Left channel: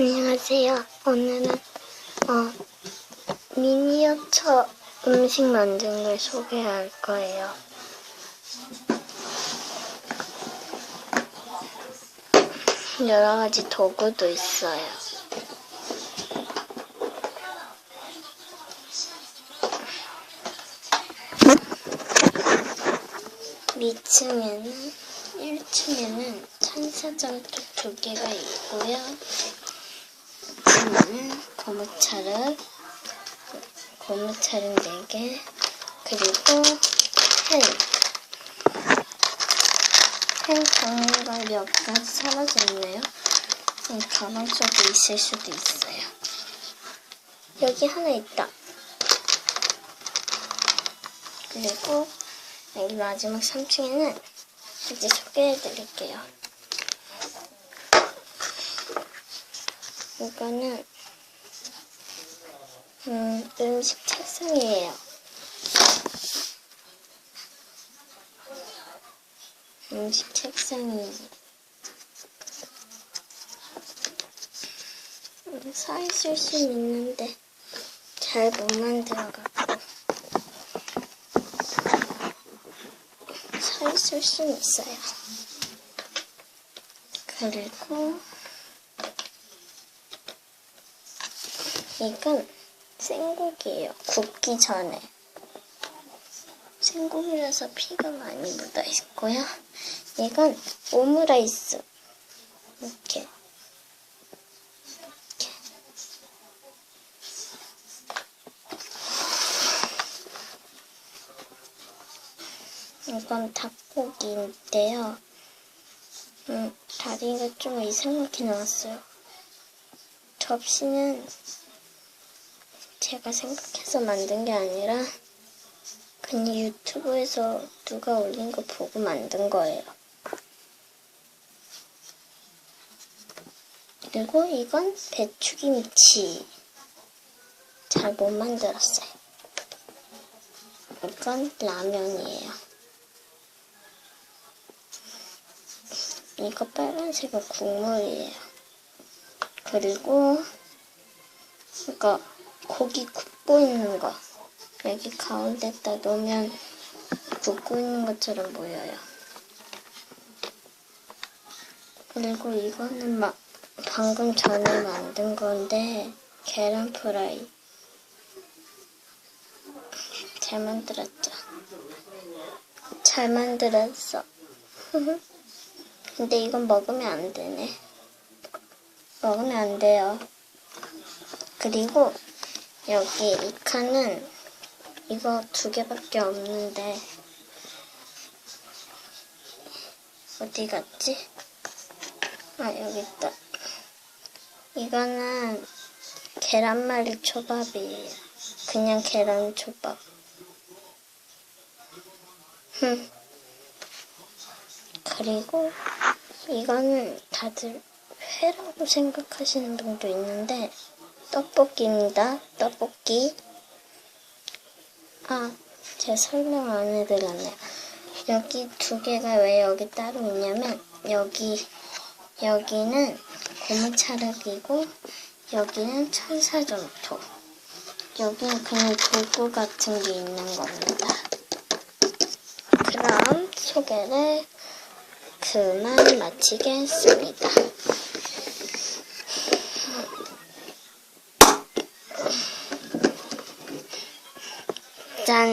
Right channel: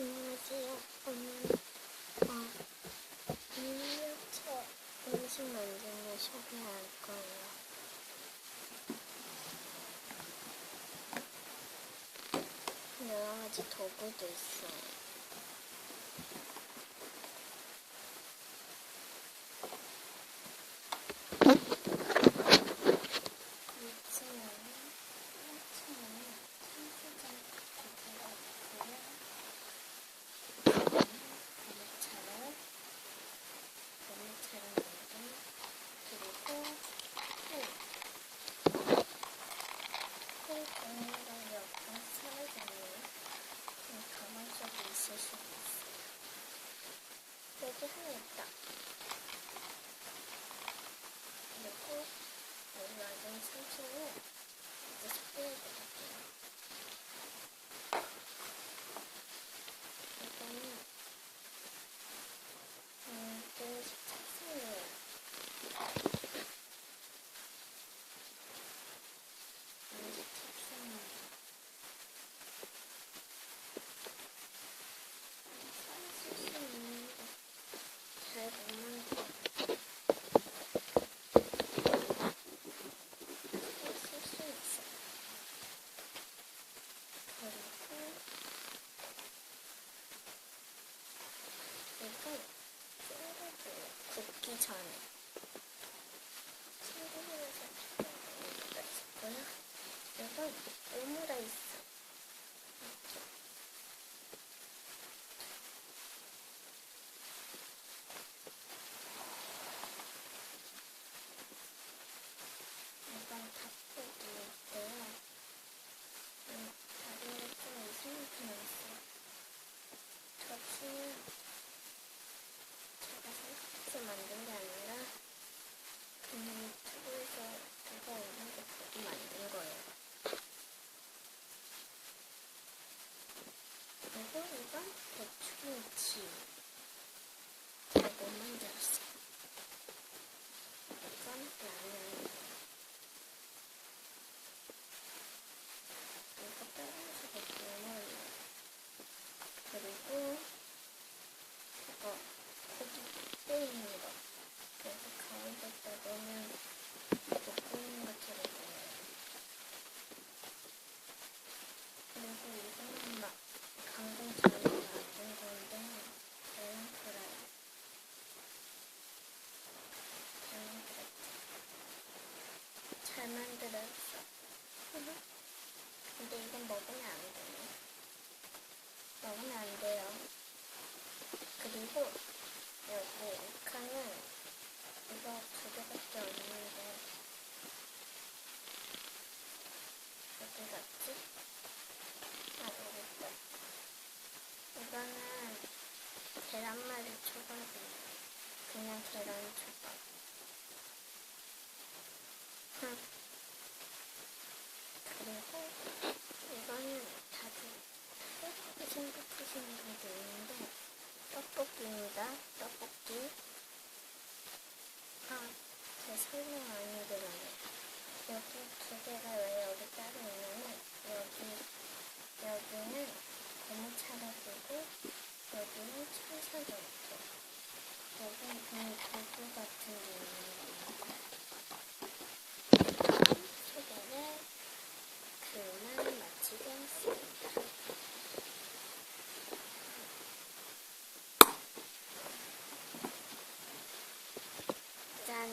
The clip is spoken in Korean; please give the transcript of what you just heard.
안녕하세요. 오늘은 어, 미니어처 음식 만드는 걸 소개할 거예요. 여러 가지 도구도 있어요. 위층에는 1층에는 천사점토 두 개가 있고요. 2층에는 고무차를 고무차를 4개 그리고 펜. 펜 종류가 몇 가지 사라졌네요. 이 가방 속에 있을 수도 있어요. 여기 하나 있다. 그리고 여기 마지막 3층에는 이제 소개해 드릴게요. 이거는 음, 음식 책상이에요. 음식 책상이에요. 음, 서 있을 수 있는데 잘 못 만들어갖고 서 있을 수 있어요. 그리고 이건 생고기예요. 굽기 전에. 생고기라서 피가 많이 묻어 있고요. 이건 오므라이스. 이렇게. 이건 닭고기인데요. 음, 다리가 좀 이상하게 나왔어요. 접시는 제가 생각해서 만든 게 아니라 그냥 유튜브에서 누가 올린 거 보고 만든 거예요. 그리고 이건 배추김치. 잘 못 만들었어요. 이건 라면이에요. 이거 빨간색은 국물이에요. 그리고 이거 고기 굽고 있는 거 여기 가운데다 놓으면 굽고 있는 것처럼 보여요. 그리고 이거는 막 방금 전에 만든 건데 계란 프라이 잘 만들었죠? 잘 만들었어. 근데 이건 먹으면 안 되네. 먹으면 안 돼요. 그리고 여기 이 칸은 이거 두 개밖에 없는데 어디 갔지? 아 여기 있다. 이거는 계란말이 초밥이에요. 그냥 계란 초밥. 흠. 그리고 이거는 다들 회라고 생각하시는 분도 있는데 떡볶이입니다. 떡볶이. 아, 제가 설명 안 해드렸네요. 여기 두 개가 왜 여기 따로 있냐면 여기 여기는 고무차르기고 여기는 천사점토. 여기는 그냥 도구 같은 게 있는 겁니다. 그럼 소개를 그만 마치겠습니다. 赞